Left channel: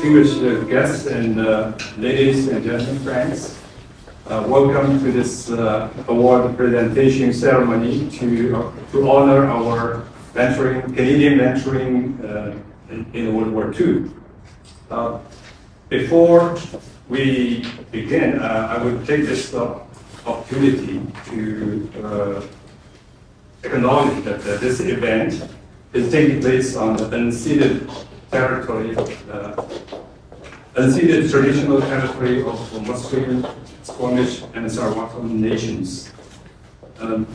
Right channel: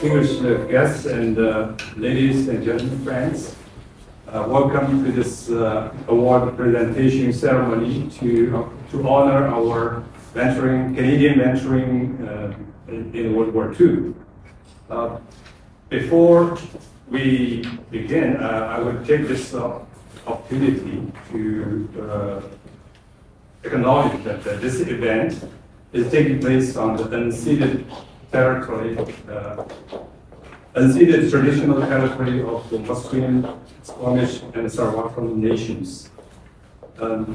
distinguished guests and ladies and gentlemen, friends. Welcome to this award presentation ceremony to honor our Canadian mentoring in World War II. Before we begin, I would take this opportunity to acknowledge that this event is taking place on the unceded territory, unceded traditional territory of the Musqueam, Squamish, and Sarawak nations.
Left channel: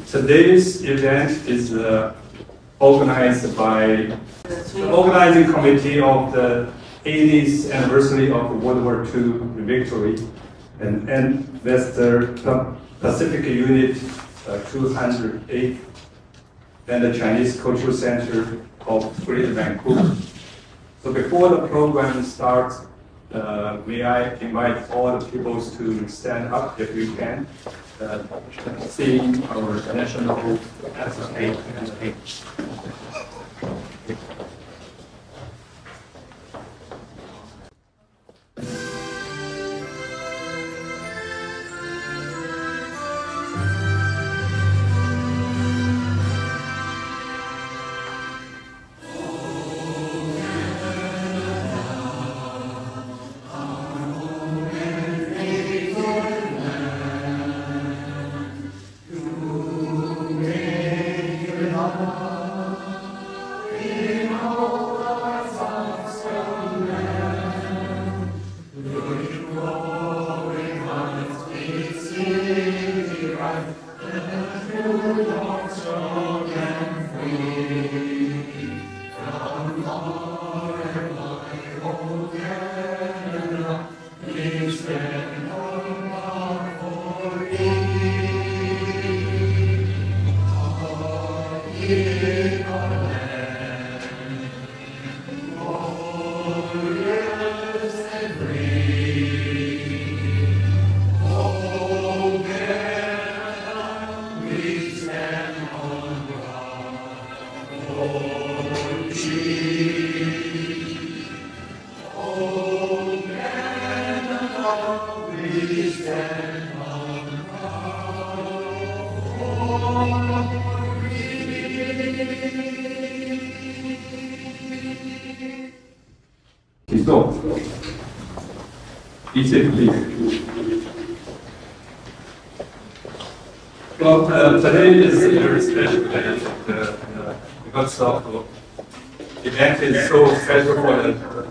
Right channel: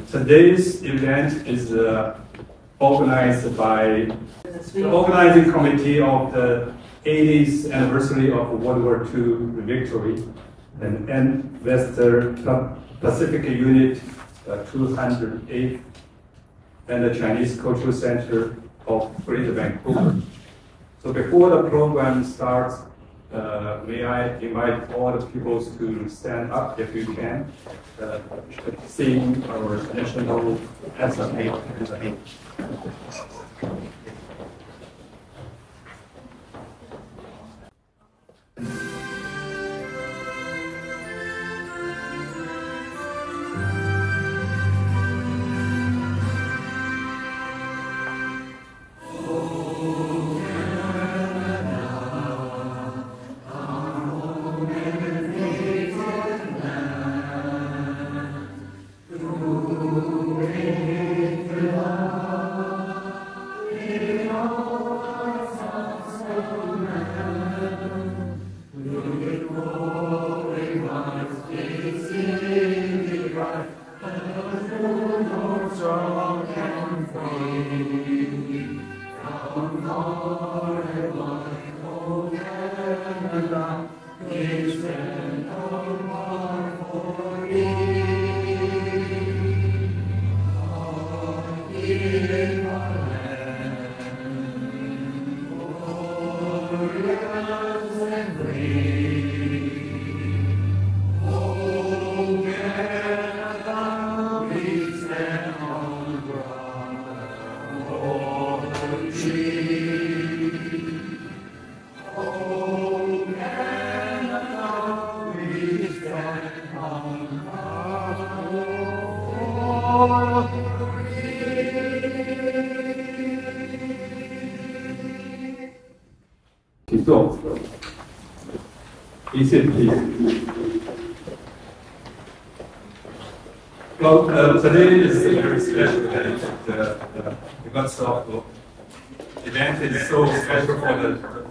Today's event is organized by the organizing committee of the 80th anniversary of World War II victory and Western Pacific Unit 208 and the Chinese Cultural Center of Greater Vancouver. So before the program starts, may I invite all the people to stand up if you can, sing our national anthem. Be seated, please. Well, today is a very special day because of the event is so special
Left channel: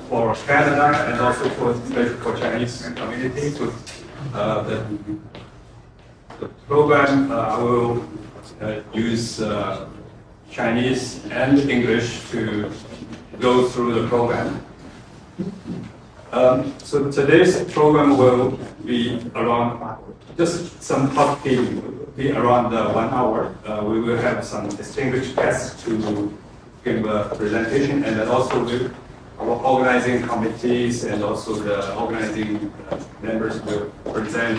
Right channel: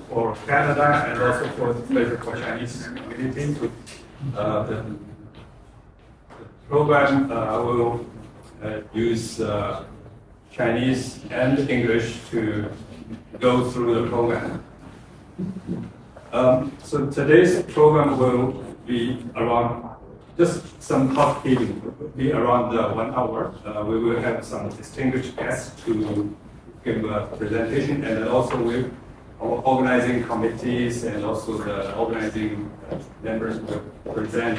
for Canada and also special for Chinese community. The program will use Chinese and English to go through the program. So today's program will be around, just some housekeeping, will be around 1 hour. We will have some distinguished guests to give a presentation, and then also with our organizing committees and also the organizing members will present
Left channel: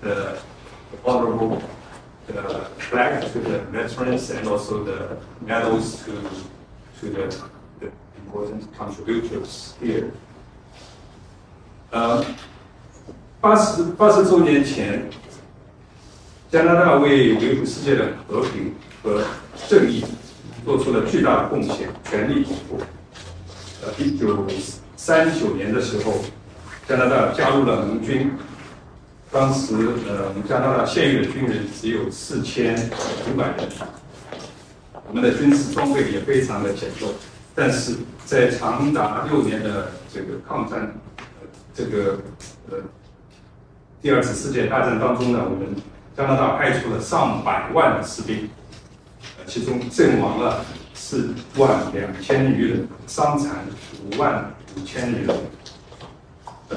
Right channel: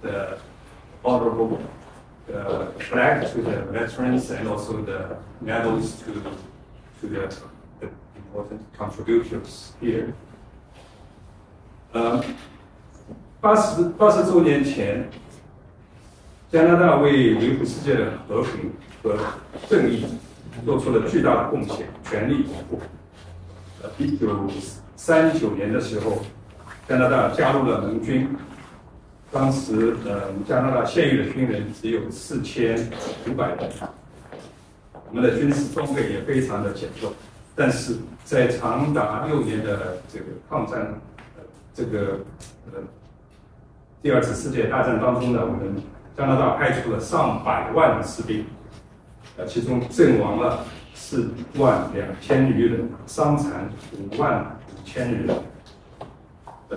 the honorable flag to the veterans and also the medals to the important contributors here. 80周年前，加拿大为维护世界的和平和正义做出了巨大的贡献，全力以赴。1939年的时候，加拿大加入了盟军。当时，加拿大现役的军人只有4500人，我们的军事装备也非常的简陋。但是在长达6年的这个抗战，第二次世界大战当中呢，我们加拿大派出了上百万的士兵，其中阵亡了42000余人，伤残55000余人。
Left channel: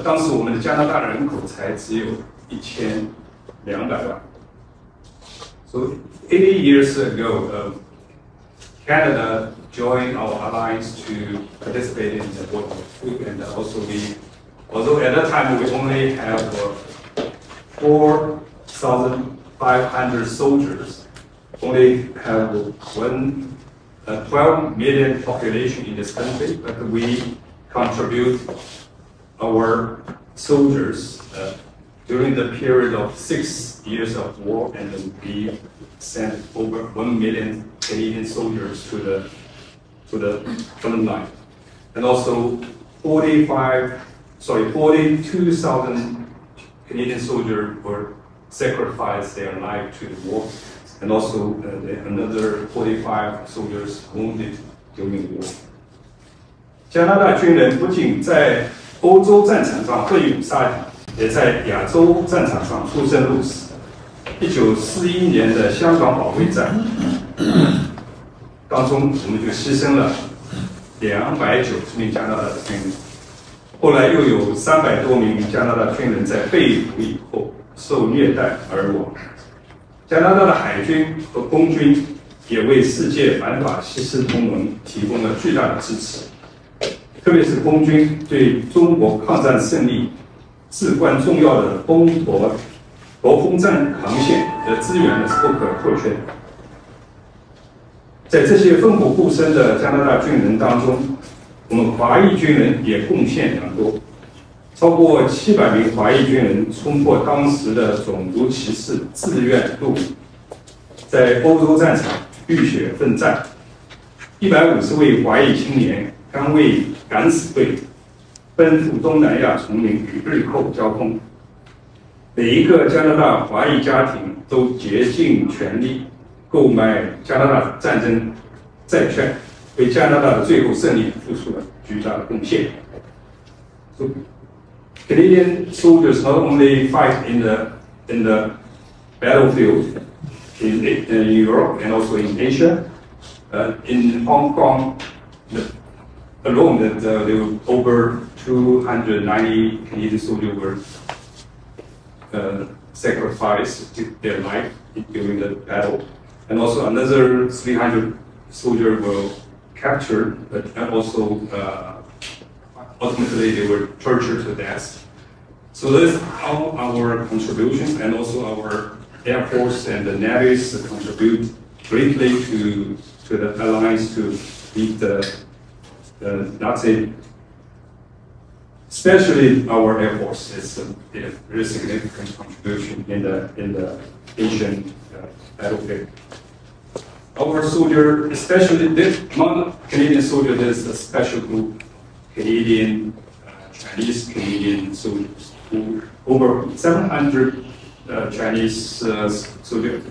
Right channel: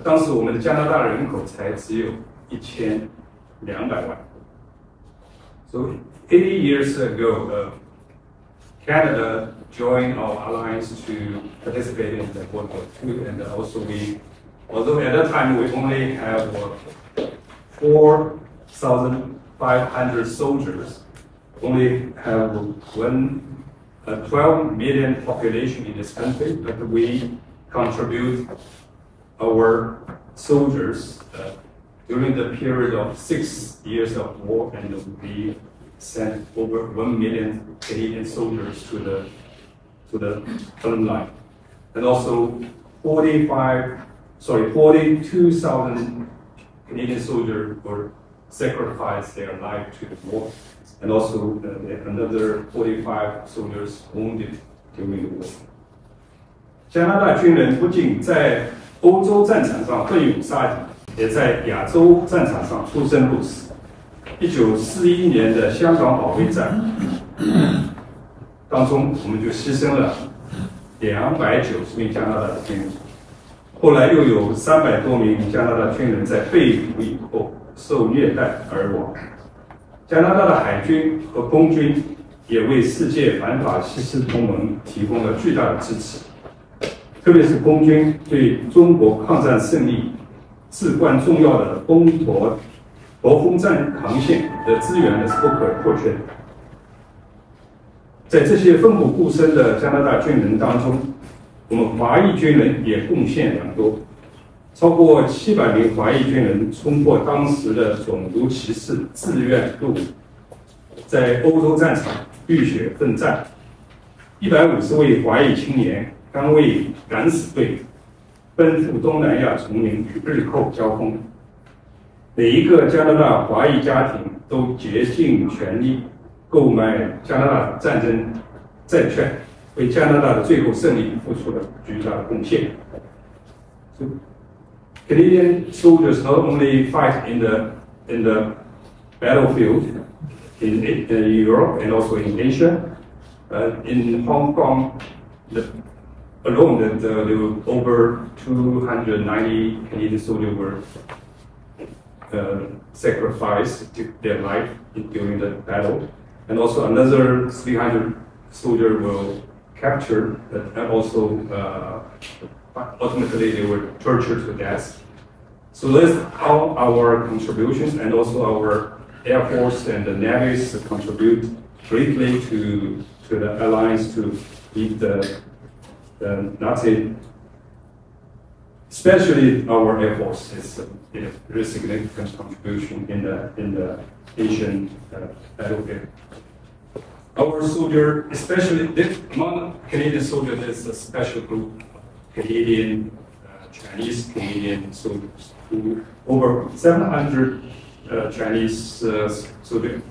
当时我们的加拿大人口才只有1200万。So 80 years ago, Canada joined our alliance to participate in the World War II, and also although at that time we only have 4,500 soldiers, only have 12 million population in this country, but we contribute our soldiers during the period of 6 years of war, and we sent over 1 million Canadian soldiers to the front line, and also 42,000 Canadian soldiers were sacrificed their life to the war, and also another 45 soldiers wounded during the war. 加拿大军人不仅在欧洲战场上奋勇杀敌，也在亚洲战场上出生入死。1941年的香港保卫战当中，我们就牺牲了290名加拿大的军人。后来又有300多名加拿大军人在被捕以后受虐待而亡。加拿大的海军和空军也为世界反法西斯同盟提供了巨大的支持。 特别是空军对中国抗战胜利至关重要的国空战航线的支援是不可或缺的。在这些奋不顾身的加拿大军人当中，我们华裔军人也贡献良多，超过700名华裔军人冲破当时的种族歧视，自愿入伍，在欧洲战场浴血奋战。150位华裔青年 甘为敢死队奔赴东南亚丛林与日寇交锋，每一个加拿大华裔家庭都竭尽全力购买加拿大战争债券，为加拿大的最后胜利付出了巨大的贡献。So, Canadian soldiers not only fight in the battlefield in Europe and also in Asia, in Hong Kong. Alone, there were over 290 Canadian soldiers were sacrificed their life during the battle, and also another 300 soldiers were captured, and also ultimately they were tortured to death. So that's how our contributions, and also our Air Force and the navies contribute greatly to the alliance to beat the Nazi, especially our Air Force, is a very significant contribution in the Asian battlefield. Our soldier, especially among Canadian soldiers, there's a special group, Canadian, Chinese Canadian soldiers, who over 700 Chinese soldiers.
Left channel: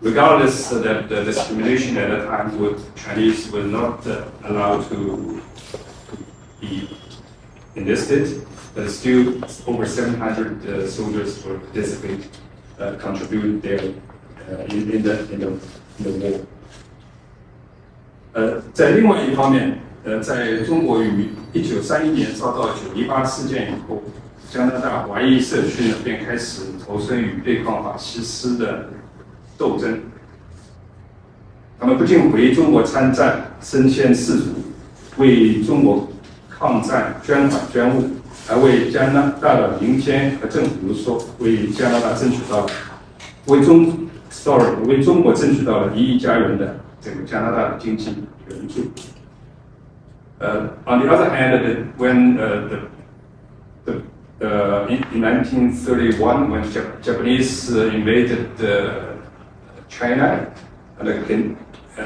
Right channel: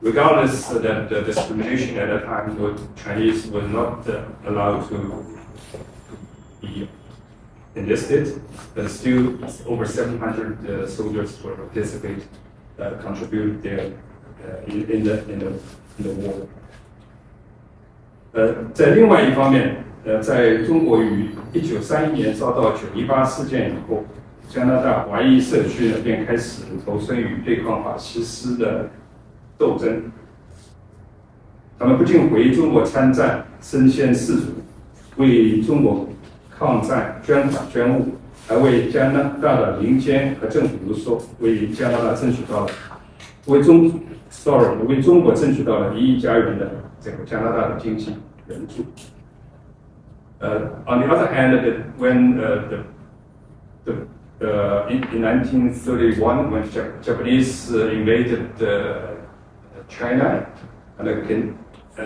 Regardless that the discrimination at that time, Chinese were not allowed to be enlisted, but still over 700 soldiers were participate, contribute there in the war. 在另外一方面，在中国于1931年遭到9·18事件以后，加拿大华裔社区呢便开始投身于对抗法西斯的 斗争，他们不仅回中国参战，身先士卒，为中国抗战捐款捐物，还为加拿大的民间和政府说，为加拿大争取到了为中国争取到了1亿加元的这个加拿大的经济援助。On the other hand, when in 1931, when Japanese invaded China, and the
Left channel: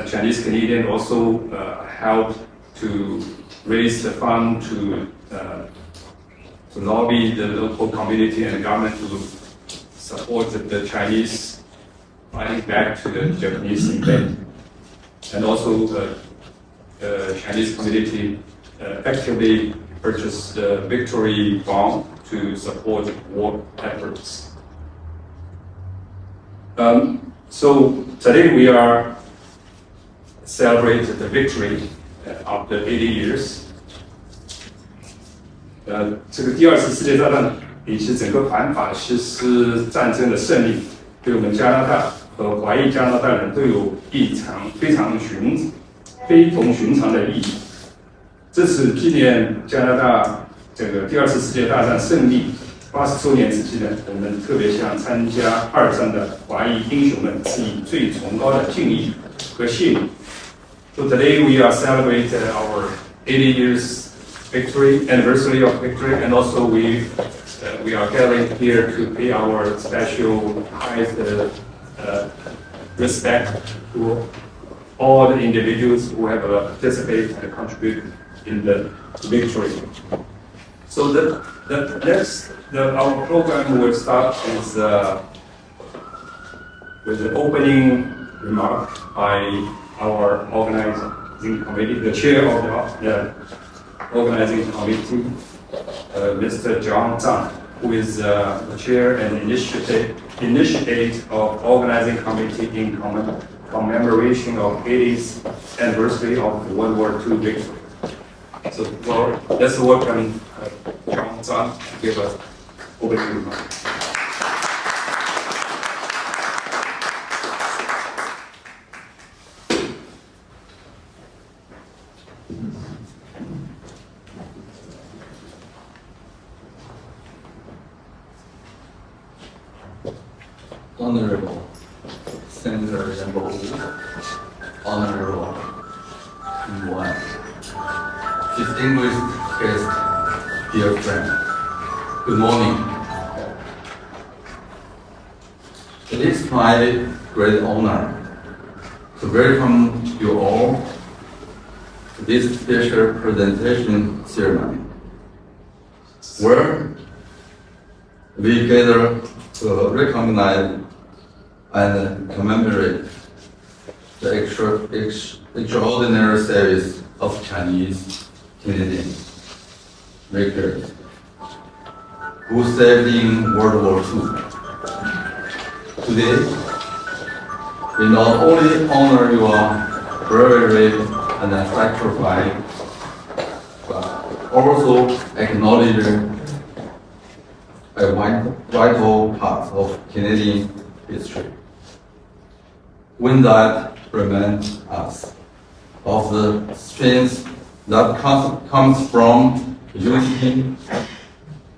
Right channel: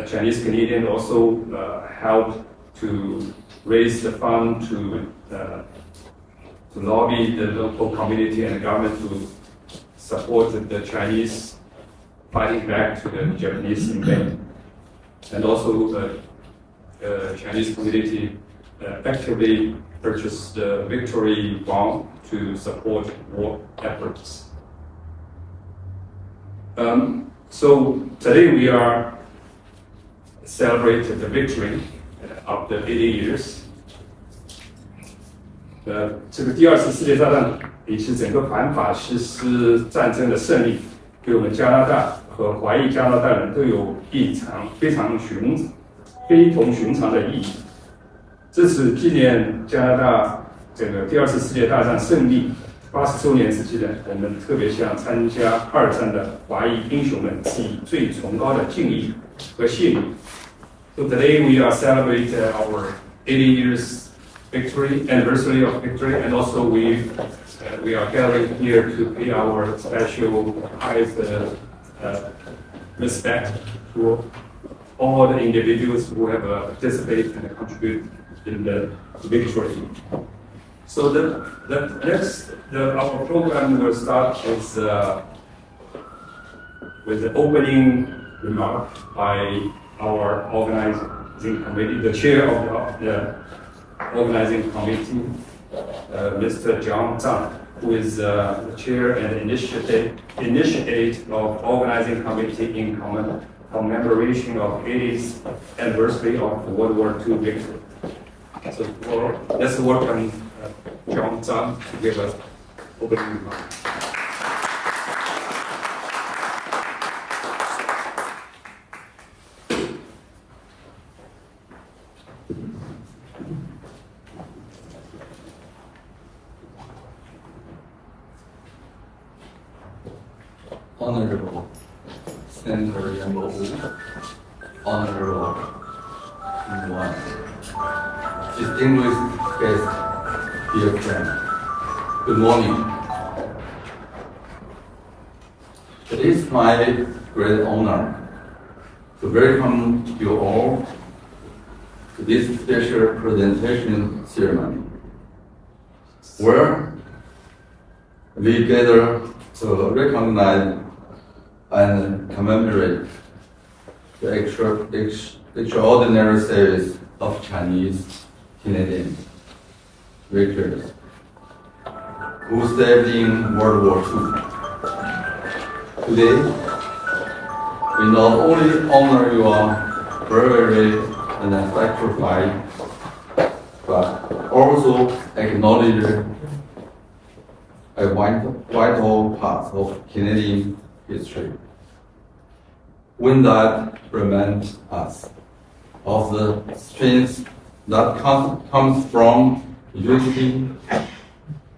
Chinese Canadian also helped to raise the fund to lobby the local community and the government to support the Chinese fighting back to the Japanese invasion. And also the Chinese community actively purchased the victory bond to support war efforts. So today we are celebrating the victory after 80 years. 这个第2次世界大战以及整个反法西斯战争的胜利，对我们加拿大和华裔加拿大人都有非同寻常的意义。这次纪念加拿大这个第2次世界大战胜利 80周年之际呢，我们特别向参加2战的华裔英雄们致以最崇高的敬意和谢意。So today we are celebrating our 80 years anniversary of victory, and also we are gathering here to pay our special highest respect to all the individuals who have participated and contributed in the victory. So our program will start with the opening remark by our organizing committee, the chair of the organizing committee, Mr. John Zhang, who is the chair and initiate of organizing committee in commemoration of 80th anniversary of World War II victory. So, well, let's welcome John Zhang to give us opening remarks. Honorable Senator Yambo, Honorable Yuan, distinguished guests, dear friend, good morning. It is my great honor to welcome you all to this special presentation ceremony, where we gather to recognize and commemorate the extraordinary service of Chinese Canadian victors who served in World War II. Today, we not only honor your bravery and sacrifice, but also acknowledge a vital part of Canadian history. When that reminds us of the strength that comes from unity,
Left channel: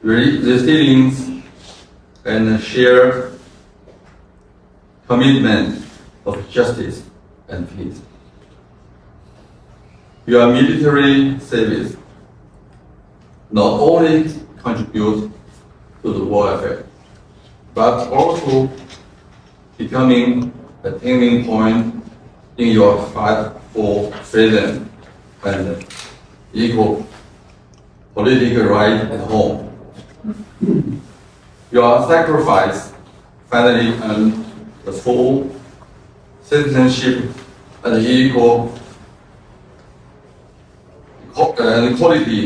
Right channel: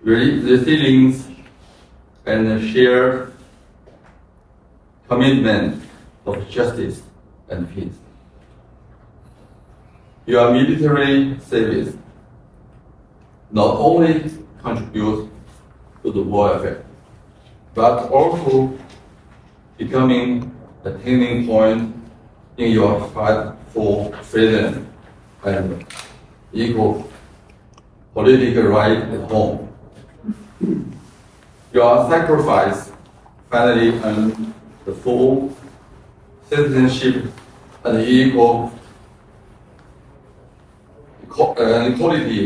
resilience, and shared commitment of justice and peace. Your military service not only contributes to the war effort, but also becoming a turning point in your fight for freedom and equal political rights at home. Your sacrifice finally earned the full citizenship and equality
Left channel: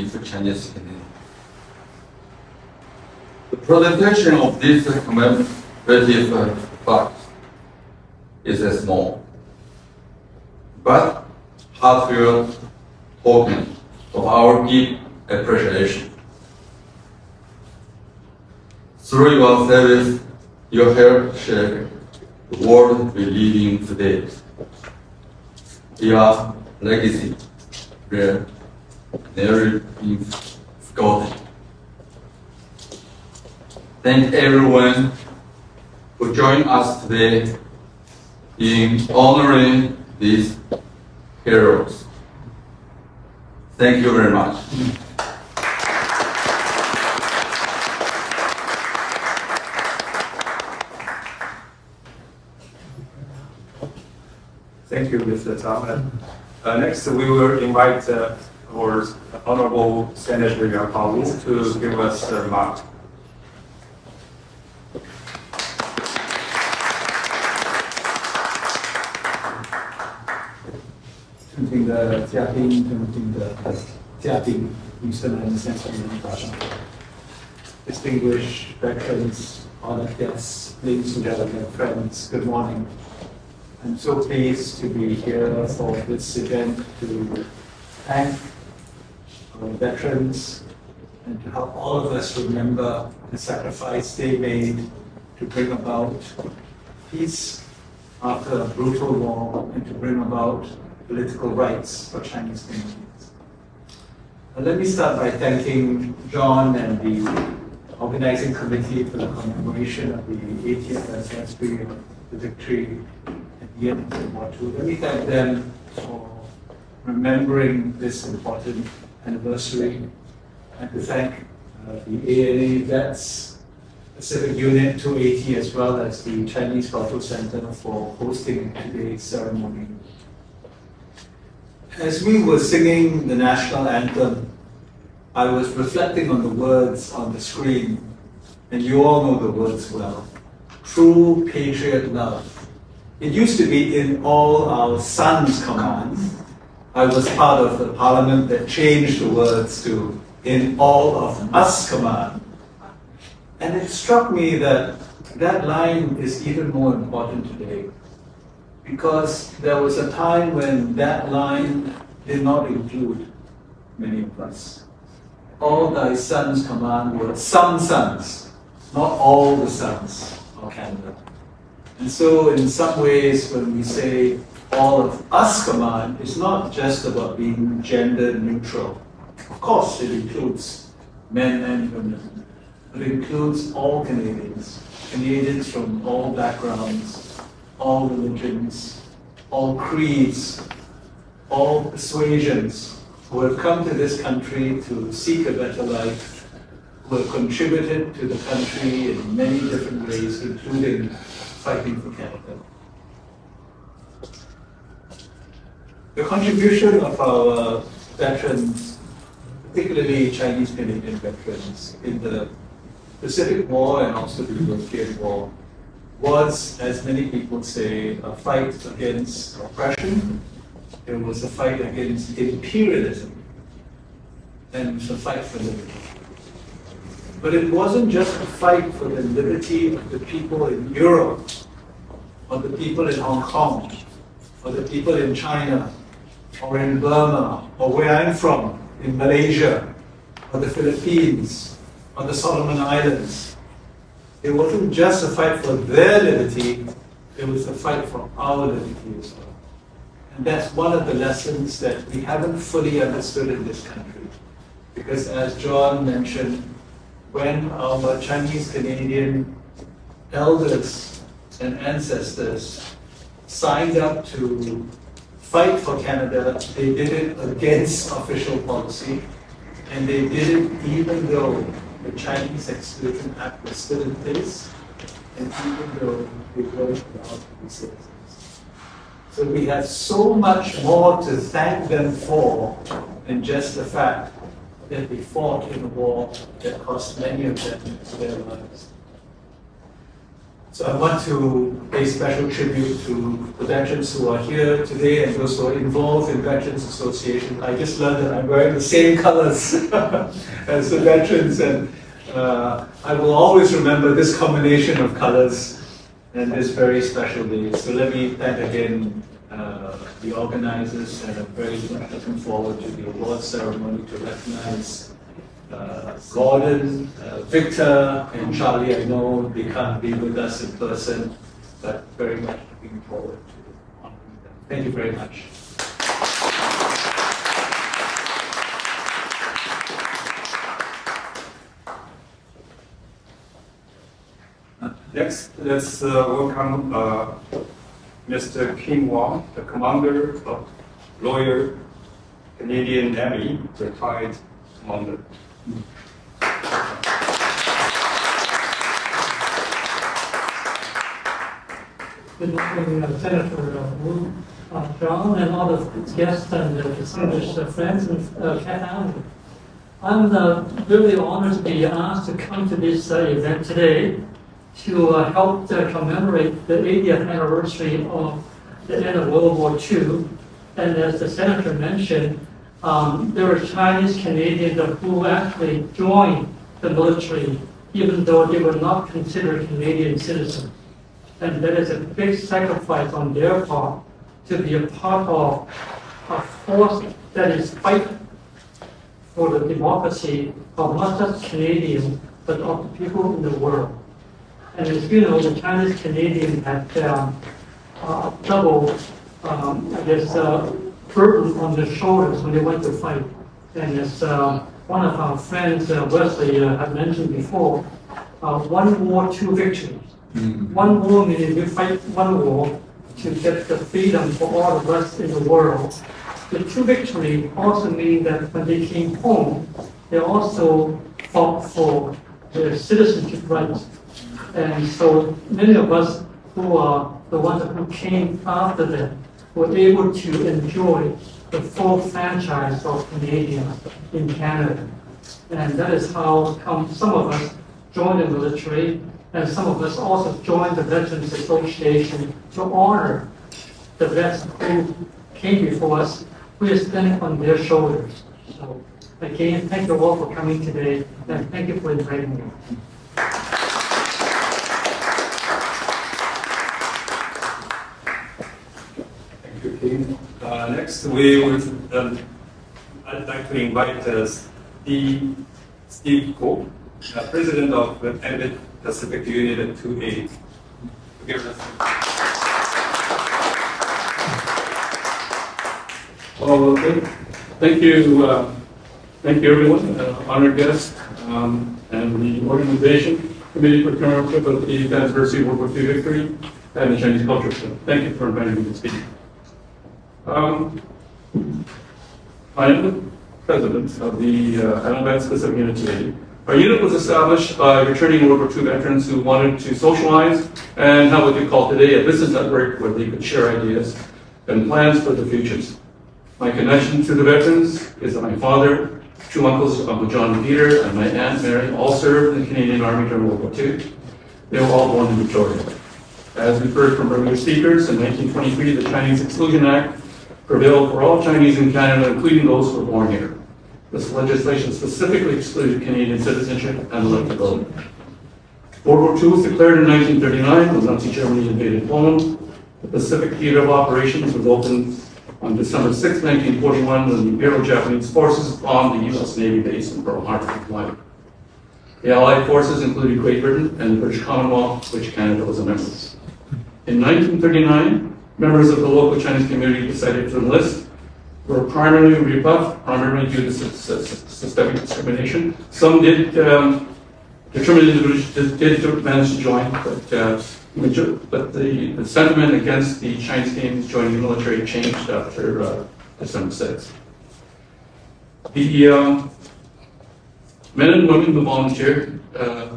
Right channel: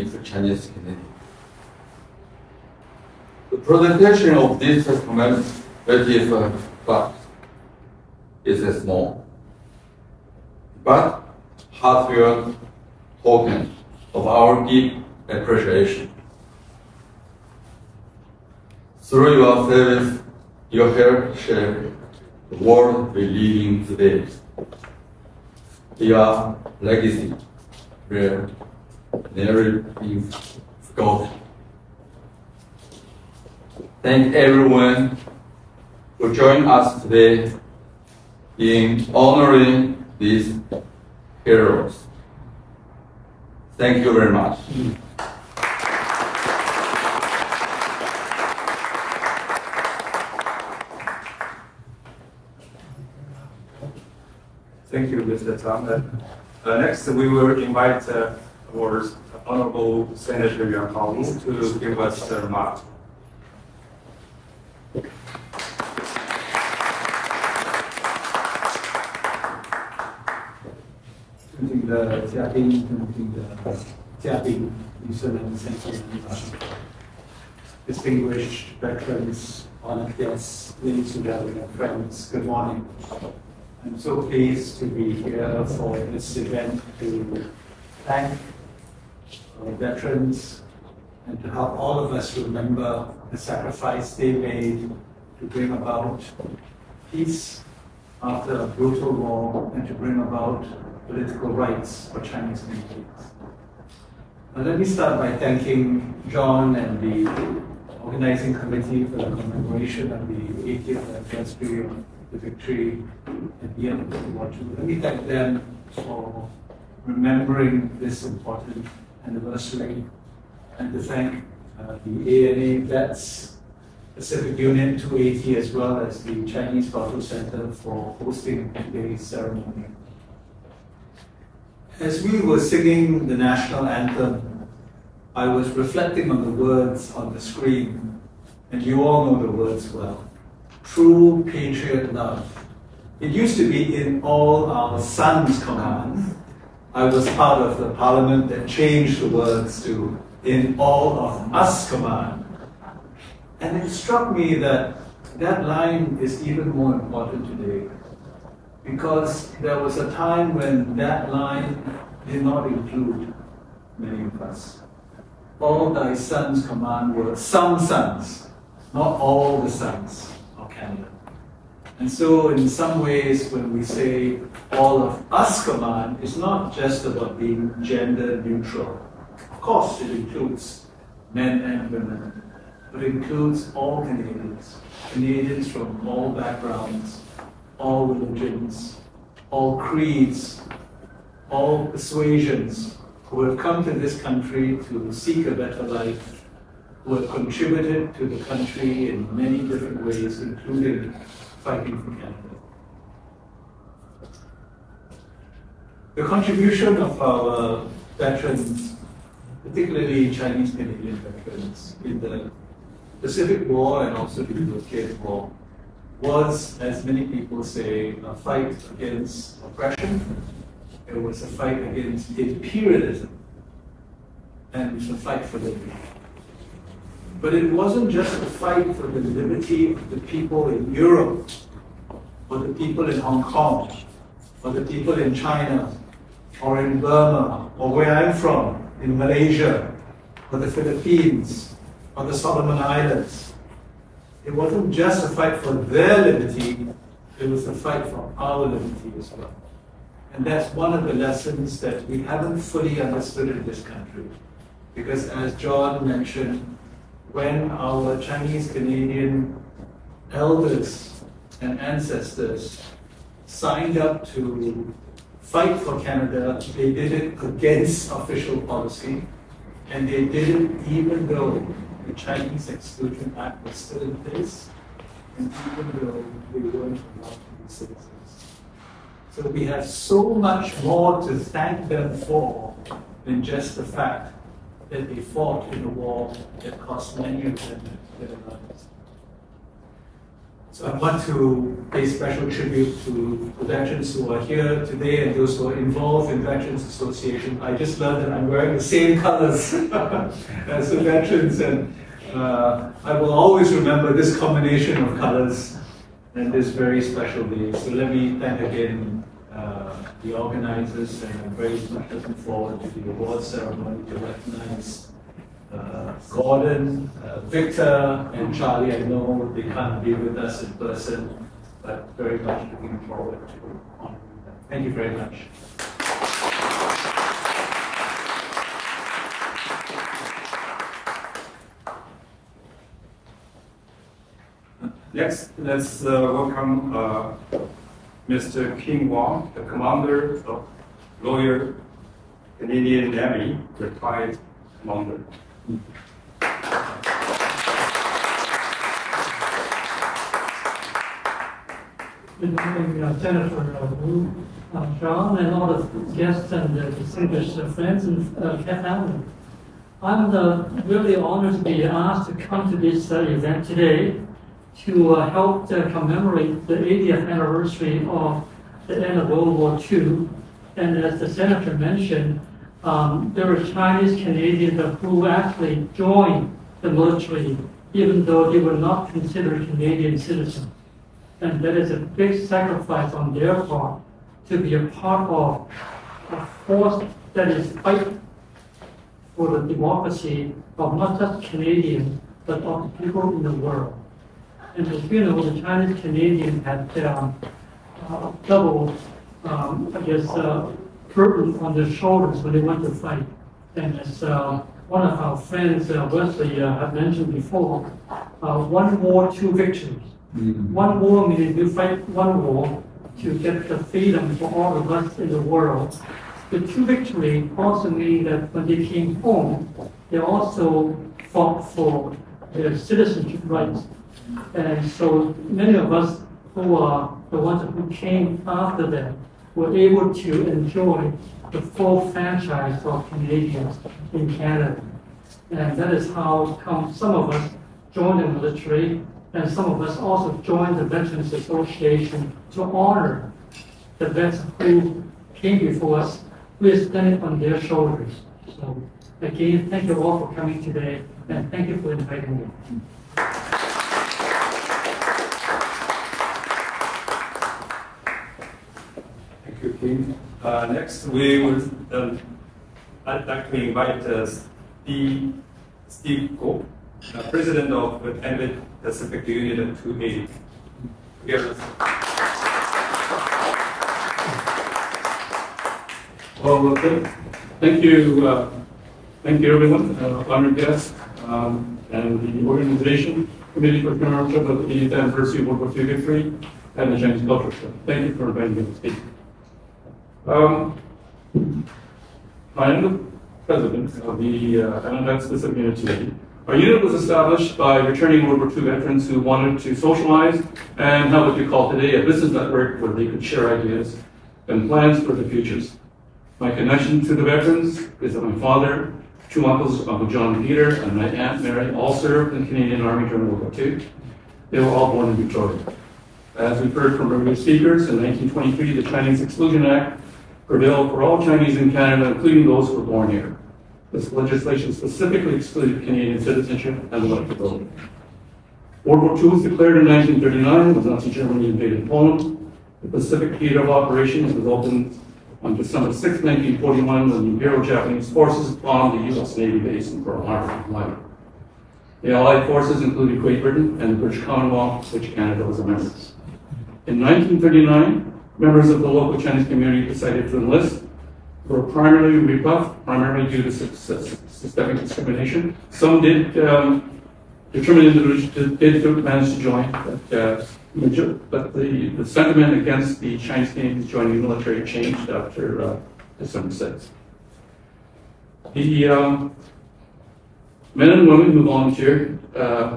for Chinese Canadians. The presentation of this commemorative plaque is a small but heartfelt token of our deep appreciation. Through your service, you help shape the world we live in today. Your legacy will never be forgotten. Thank everyone for joining us today in honoring these heroes. Thank you very much. Thank you, Mr. Zhang. Next, we will invite our Honorable Senator Yuan Haowu to give us a remark. 尊敬的嘉宾，尊敬的嘉宾，女士们、先生们，早上好。Distinguished veterans, honored guests, ladies and gentlemen, friends, good morning. I'm so pleased to be here for this event to thank our veterans and to help all of us remember the sacrifice they made to bring about peace after a brutal war and to bring about political rights for Chinese communities. Now, let me start by thanking John and the organizing committee for the commemoration of the 80th anniversary of the victory at the end of World War II. Let me thank them for remembering this important anniversary and to thank the ANA Vets Pacific Unit 280 as well as the Chinese Cultural Center for hosting today's ceremony. As we were singing the national anthem, I was reflecting on the words on the screen, and you all know the words well. True patriot love. It used to be in all our sons' commands. I was part of the parliament that changed the words to in all of us command. And it struck me that that line is even more important today, because there was a time when that line did not include many of us. All thy sons command were some sons, not all the sons of Canada. And so in some ways, when we say all of us command, it's not just about being gender neutral. Of course, it includes men and women, but it includes all Canadians, Canadians from all backgrounds, all religions, all creeds, all persuasions, who have come to this country to seek a better life, who have contributed to the country in many different ways, including fighting for Canada. The contribution of our veterans, particularly Chinese Canadian veterans, in the Pacific War and also the European War, was, as many people say, a fight against oppression. It was a fight against imperialism, and it was a fight for liberty. But it wasn't just a fight for the liberty of the people in Europe, or the people in Hong Kong, or the people in China, or in Burma, or where I'm from, in Malaysia, or the Philippines, or the Solomon Islands. It wasn't just a fight for their liberty, it was a fight for our liberty as well. And that's one of the lessons that we haven't fully understood in this country. Because as John mentioned, when our Chinese Canadian elders and ancestors signed up to fight for Canada, they did it against official policy, and they did it even though the Chinese Exclusion Act was still in place, and even though they weren't allowed to be citizens. So we have so much more to thank them for than just the fact that they fought in a war that cost many of them their lives. So I want to pay special tribute to the veterans who are here today and those who are involved in Veterans Association. I just learned that I'm wearing the same colors as the veterans, and I will always remember this combination of colors and this very special day. So let me thank again the organizers, and I'm very much looking forward to the award ceremony to recognize Gordon, Victor, and Charlie. I know they can't be with us in person, but very much looking forward to honoring them. Thank you very much. Next, let's welcome Mr. King Wong, the Commander of Royal Canadian Navy, retired commander. Good morning, Senator Wu, John, and all the guests and distinguished friends and family. I'm really honored to be asked to come to this event today to help commemorate the 80th anniversary of the end of World War II. And as the Senator mentioned, there were Chinese Canadians who actually joined the military even though they were not considered Canadian citizens. And that is a big sacrifice on their part to be a part of a force that is fighting for the democracy of not just Canadians, but of the people in the world. And as you know, the Chinese Canadians had double, burden on their shoulders when they went to fight. And as one of our friends, Wesley, had mentioned before, one war, two victories. Mm-hmm. One war meaning we fight one war to get the freedom for all of us in the world. The two victory also mean that when they came home, they also fought for their citizenship rights. And so many of us who are the ones who came after them were able to enjoy the full franchise of Canadians in Canada. And that is how come some of us joined the military, and some of us also joined the Veterans Association to honor the vets who came before us. We are standing on their shoulders. So again, thank you all for coming today, and thank you for inviting me. Thank you, King. Next, we would I'd like to invite Steve Ko, President of the Pacific Unit 280. Well, thank you everyone, honored guests, and the organization, Committee for Commemoration of the 80th Anniversary of World War II Victory, and the Chinese Culture Center. Thank you for inviting me to speak. I am the president of the Alabama Pacific Unit 280. Our unit was established by returning World War II veterans who wanted to socialize and have what we call today a business network where they could share ideas and plans for the futures. My connection to the veterans is that my father, two uncles, Uncle John and Peter, and my Aunt Mary all served in the Canadian Army during World War II. They were all born in Victoria. As we've heard from earlier speakers, in 1923, the Chinese Exclusion Act prevailed for all Chinese in Canada, including those who were born here. This legislation specifically excluded Canadian citizenship and the right to vote. World War II was declared in 1939 when Nazi Germany invaded Poland. The Pacific Theater of Operations was opened on December 6, 1941, when the Imperial Japanese forces bombed the U.S. Navy base in Pearl Harbor, Hawaii. The Allied forces included Great Britain and the British Commonwealth, which Canada was a member. In 1939, members of the local Chinese community decided to enlist, were primarily rebuffed, primarily due to systemic discrimination. Some did, determined individuals did manage to join, but the sentiment against the Chinese Canadians joining the military changed after December 6th. The men and women who volunteered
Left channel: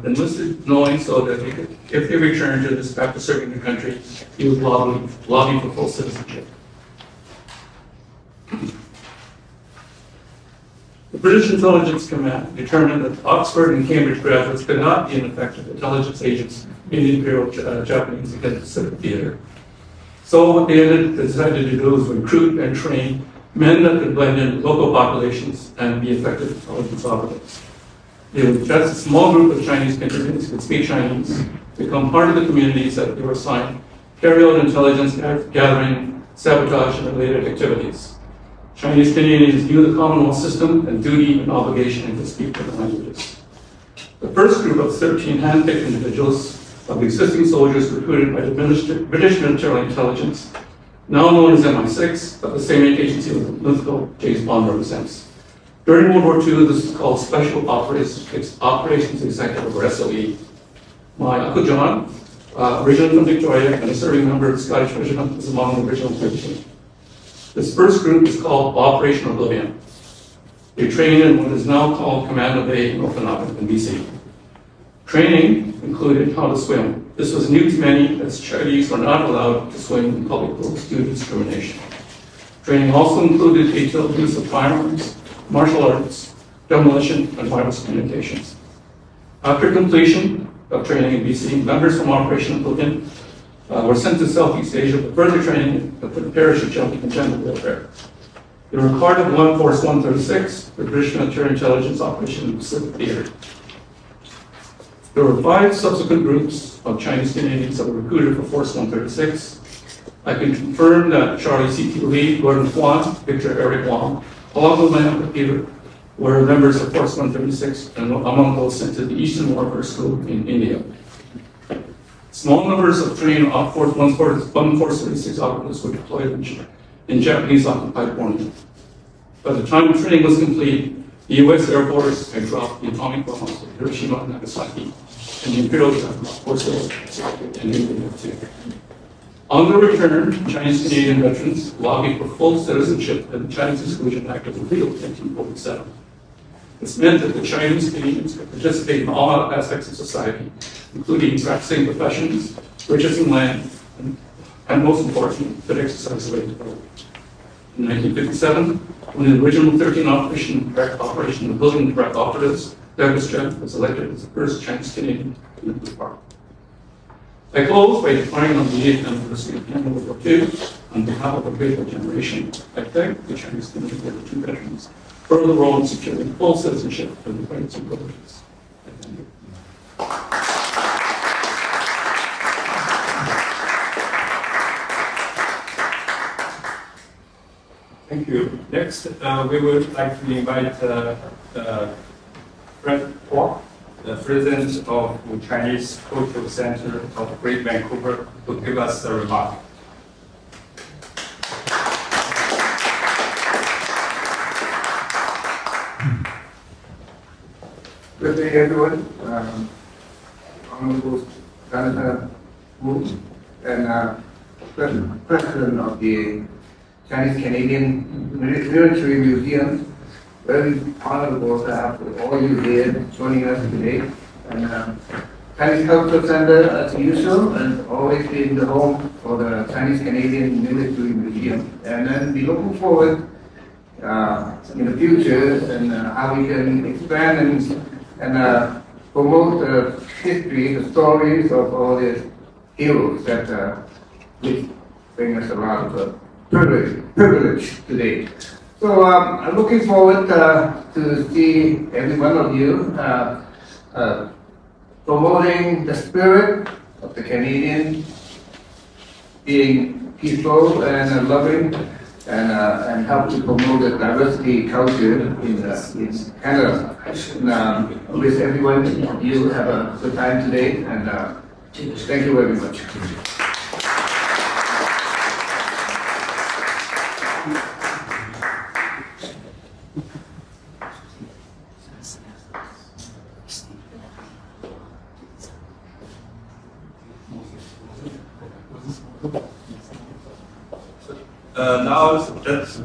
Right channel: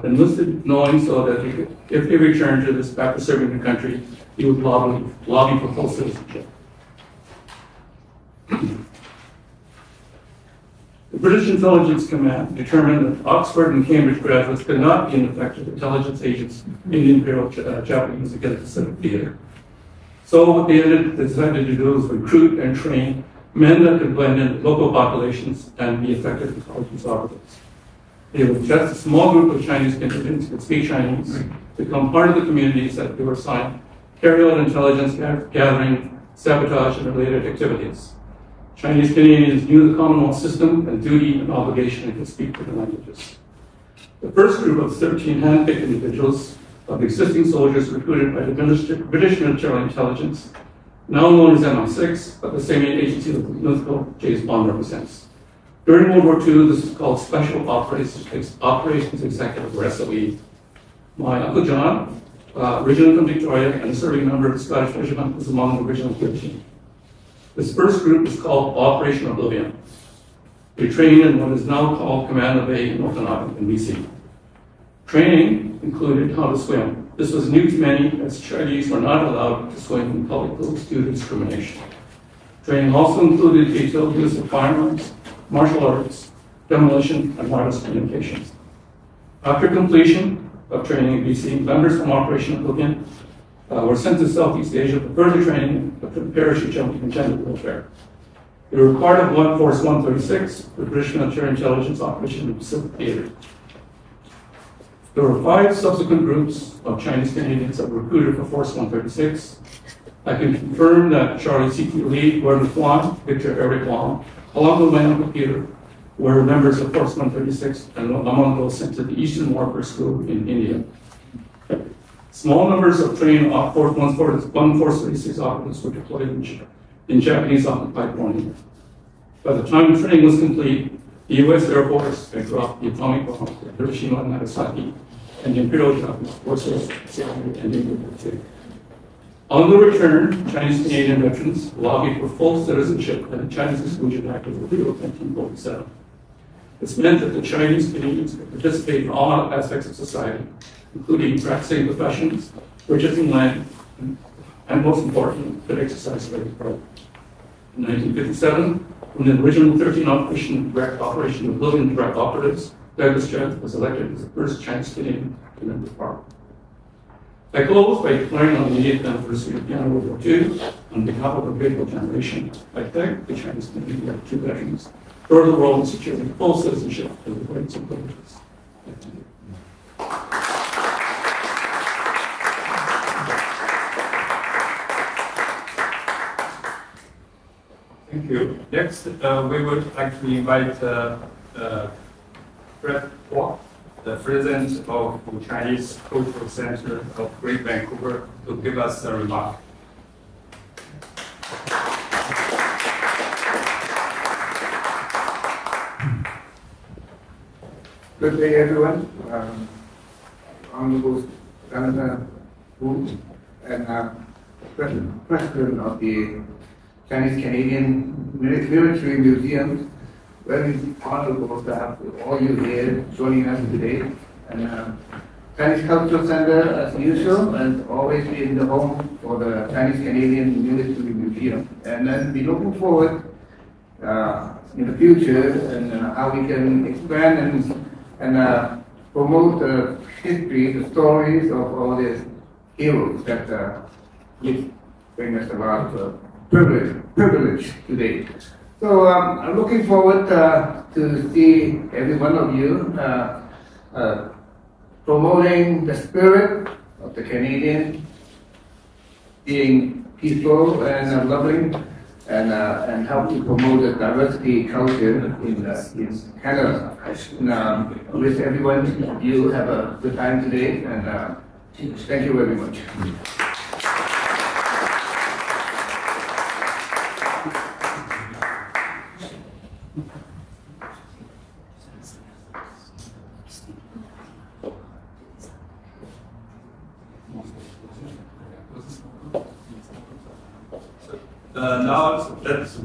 enlisted knowing so that they could, if they returned to this after serving the country, he would lobby for full citizenship. The British Intelligence Command determined that Oxford and Cambridge graduates could not be effective intelligence agents in the Imperial Japanese against the Pacific Theater. So what they decided to do was recruit and train men that could blend in local populations and be effective intelligence operatives. It was just a small group of Chinese Canadians who could speak Chinese, become part of the communities that they were assigned, carry out intelligence gathering, sabotage, and related activities. Chinese Canadians knew the Commonwealth system and duty and obligation and could speak the languages. The first group of 13 hand-picked individuals of existing soldiers recruited by the British military intelligence, now known as MI6, but the same agency that mythical James Bond represents. During World War II, this is called Special Operations Executive, or SOE. My Uncle John, originally from Victoria and a serving member of the Scottish Regiment, was among the original 13. This first group is called Operation Oblivion. They trained in what is now called Commando Bay in Okanagan in BC. Training included how to swim. This was new to many, as Chinese were not allowed to swim in public pools due to discrimination. Training also included detailed use of firearms, martial arts, demolition, and wireless communications. After completion of training in BC, members from Operation Oblivion were sent to Southeast Asia for further training for the parachute jumping and gender warfare. They were part of One Force 136, the British military intelligence operation in the Pacific Theater. There were 5 subsequent groups of Chinese Canadians that were recruited for Force 136. I can confirm that Charlie C.T. Lee, Gordon Kwan, Victor Eric Wong, along with my Uncle Peter, were members of Force 136 and among those sent to the Eastern Warfare School in India. Small numbers of trained Force 136 operatives were deployed in Japanese-occupied Borneo. By the time the training was complete, the U.S. Air Force had dropped the atomic bombs at Hiroshima and Nagasaki, and the Imperial Japanese were still and India too. On their return, Chinese Canadian veterans lobbied for full citizenship, and the Chinese Exclusion Act was repealed in 1947. This meant that the Chinese Canadians could participate in all aspects of society, including practicing professions, purchasing land, and most importantly, could exercise the right to vote. In 1957, when the original 13 operation of building direct operatives, Douglas Judd was elected as the first Chinese Canadian to enter the parliament. I close by declaring on the 80th anniversary of World War II, on behalf of a grateful generation, I thank the Chinese Canadian World War II veterans for the role in securing full citizenship and the rights and privileges. I thank you. Thank you. Next, we would like to invite Fred Kwok, the president of the Chinese Cultural Center of Great Vancouver, to give us a remark. Good day, everyone. Honorable Senator Wu and President of the Chinese Canadian Military Museum. Very honorable to have all you here joining us today. And Chinese Cultural Center, as usual, and always been the home for the Chinese Canadian Military Museum. And then be looking forward in the future and how we can expand and promote the history, the stories of all these heroes that bring us a lot of privilege today. So I'm looking forward to see every one of you promoting the spirit of the Canadian, being peaceful and loving, and help to promote the diversity culture in Canada. And wish everyone of you have a good time today, and thank you very much. Now let's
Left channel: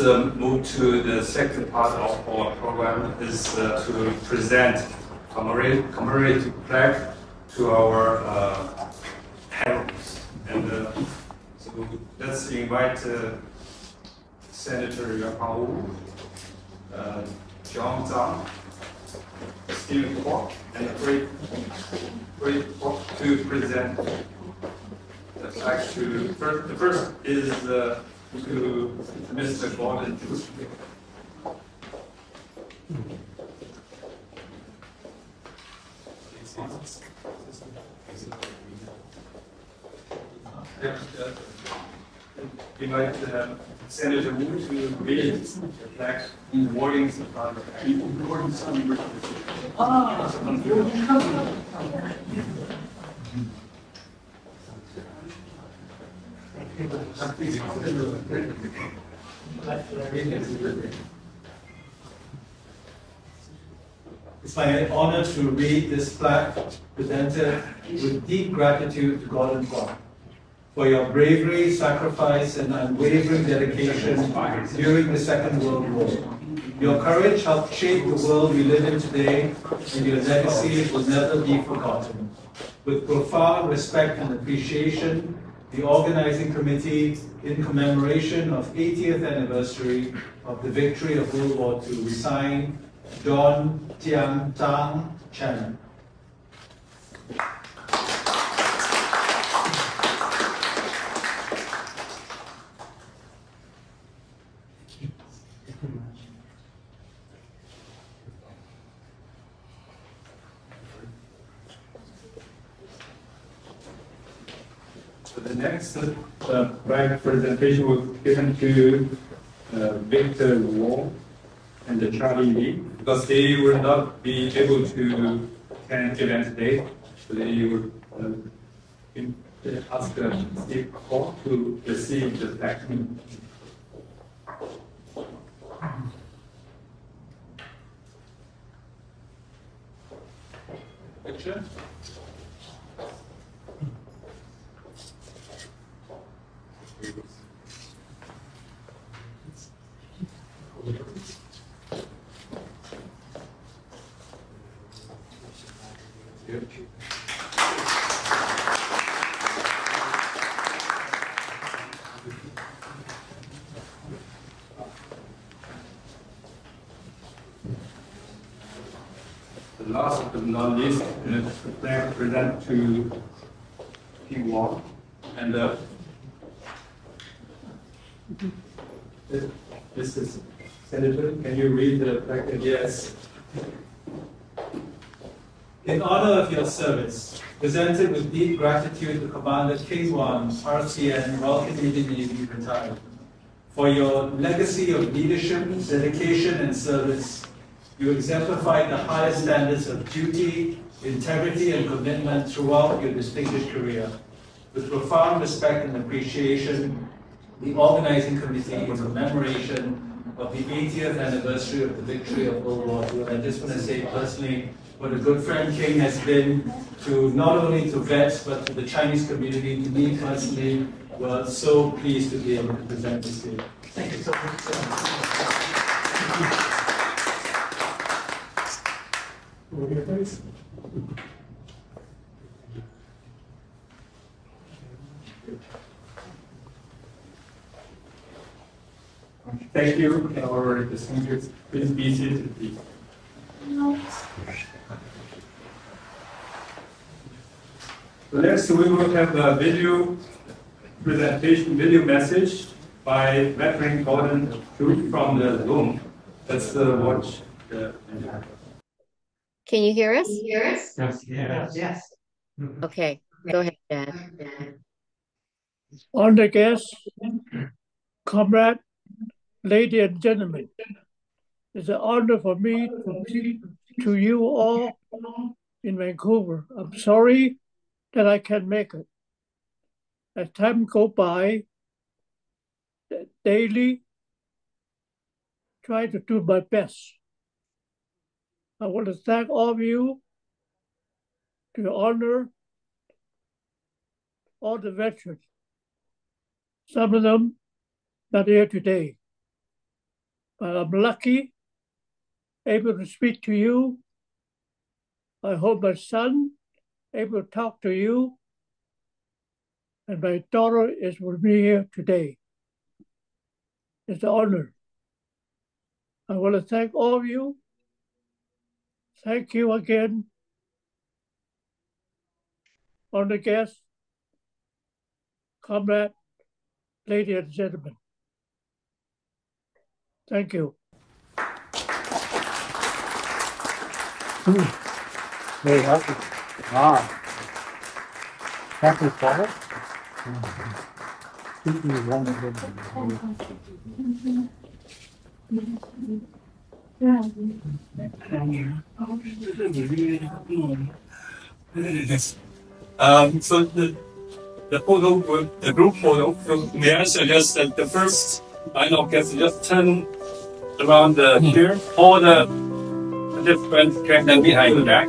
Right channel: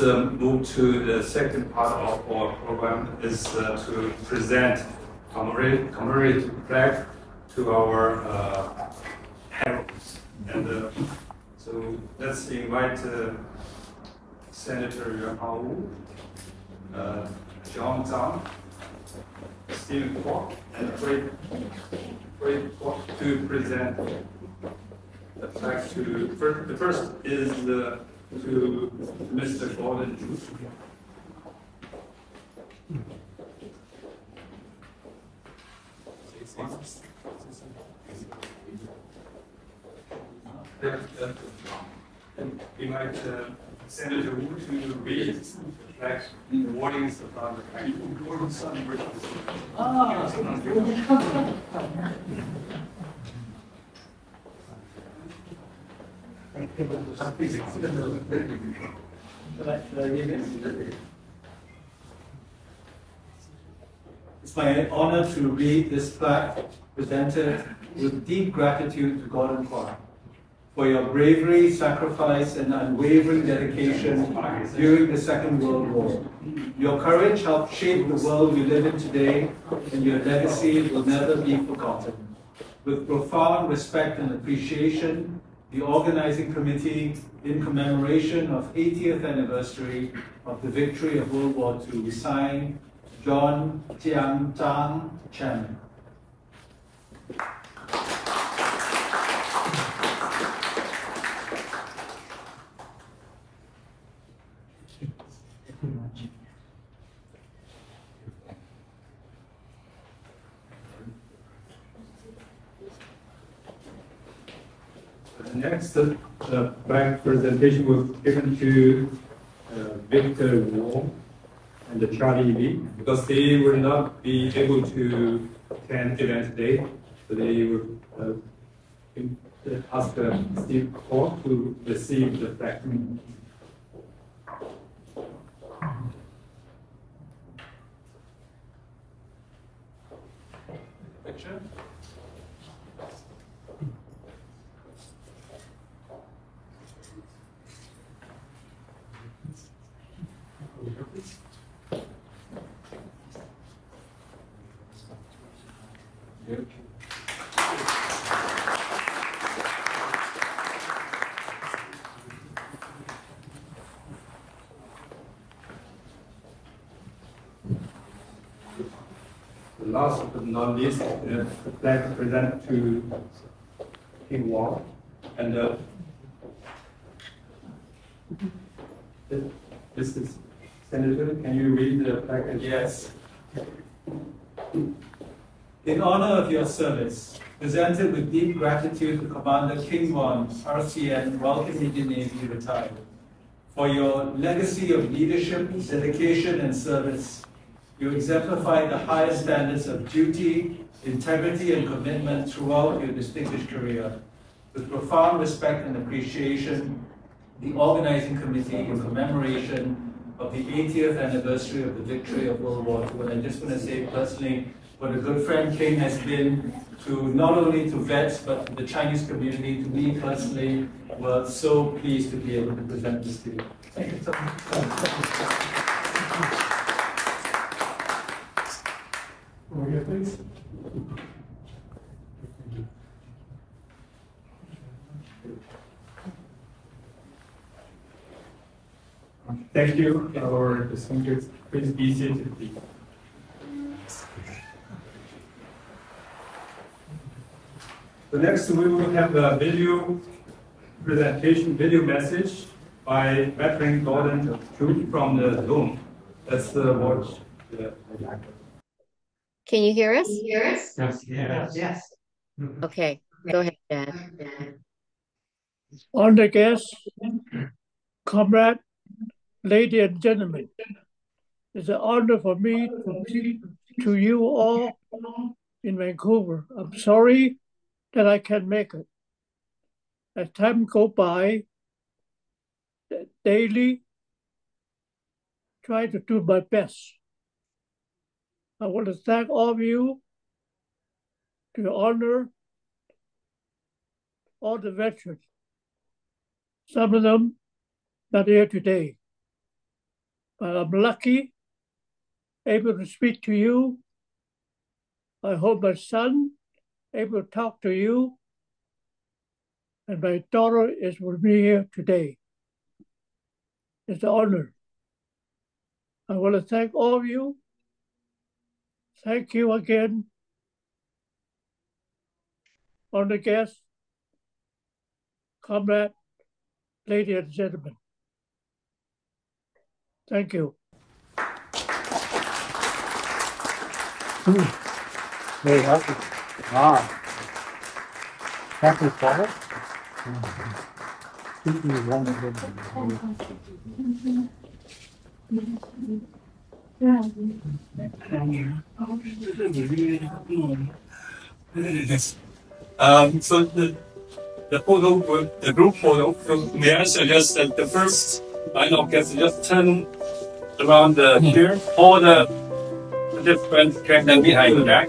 move to the second part of our program, is to present commemorative plaque to our heroes. And so let's invite Senator Yuan Hangwu, John Zhang, Stephen Kwok, and Fred Kwok to present the plaque to the first is to Mr. Gordon Juice. We invite Senator Wu to read the plaque awarding the It's my honor to read this plaque presented with deep gratitude to Gordon Kwok for your bravery, sacrifice, and unwavering dedication during the Second World War. Your courage helped shape the world we live in today, and your legacy will never be forgotten. With profound respect and appreciation, the organizing committee, in commemoration of 80th anniversary of the victory of World War II, sign John Tian Tang Chen. The next plaque presentation was given to Victor Wong and Charlie Lee, because they will not be able to attend the event today, so they would ask Steve Kwok to receive the plaque. Picture. last but not least, the flag presented to King Wang. And this is Senator. Can you read the flag? Yes. In honor of your service, presented with deep gratitude to Commander King Wang, RCN, Royal Canadian Navy, retired, for your legacy of leadership, dedication, and service. You exemplified the highest standards of duty, integrity, and commitment throughout your distinguished career. With profound respect and appreciation, the organizing committee, in commemoration of the 80th anniversary of the victory of World War II, and I just want to say personally what a good friend King has been to not only to vets but to the Chinese community. To me personally, we're so pleased to be able to present this to you. Thank you so much. Over here, please. Thank you, our distinguished. Please be seated, please. So next we will have a video presentation, video message by veteran Gordon Troop from the Zoom. Let's watch the video. Can you hear us? Yes. Yes. Okay, go ahead, Dad. Honored guests, comrade, ladies and gentlemen, it's an honor for me to speak to you all in Vancouver. I'm sorry that I can't make it. As time goes by, daily, try to do my best. I want to thank all of you to honor all the veterans. Some of them not here today, but I'm lucky, able to speak to you. I hope my son able to talk to you, and my daughter is with me here today. It's an honor. I want to thank all of you. Thank you again, honored guests, comrade, ladies and gentlemen. Thank you. Very happy. Happy for it. So the photo, the group photo, so may I suggest that the first line of guests just turn around the here, all the participants can then behind the back.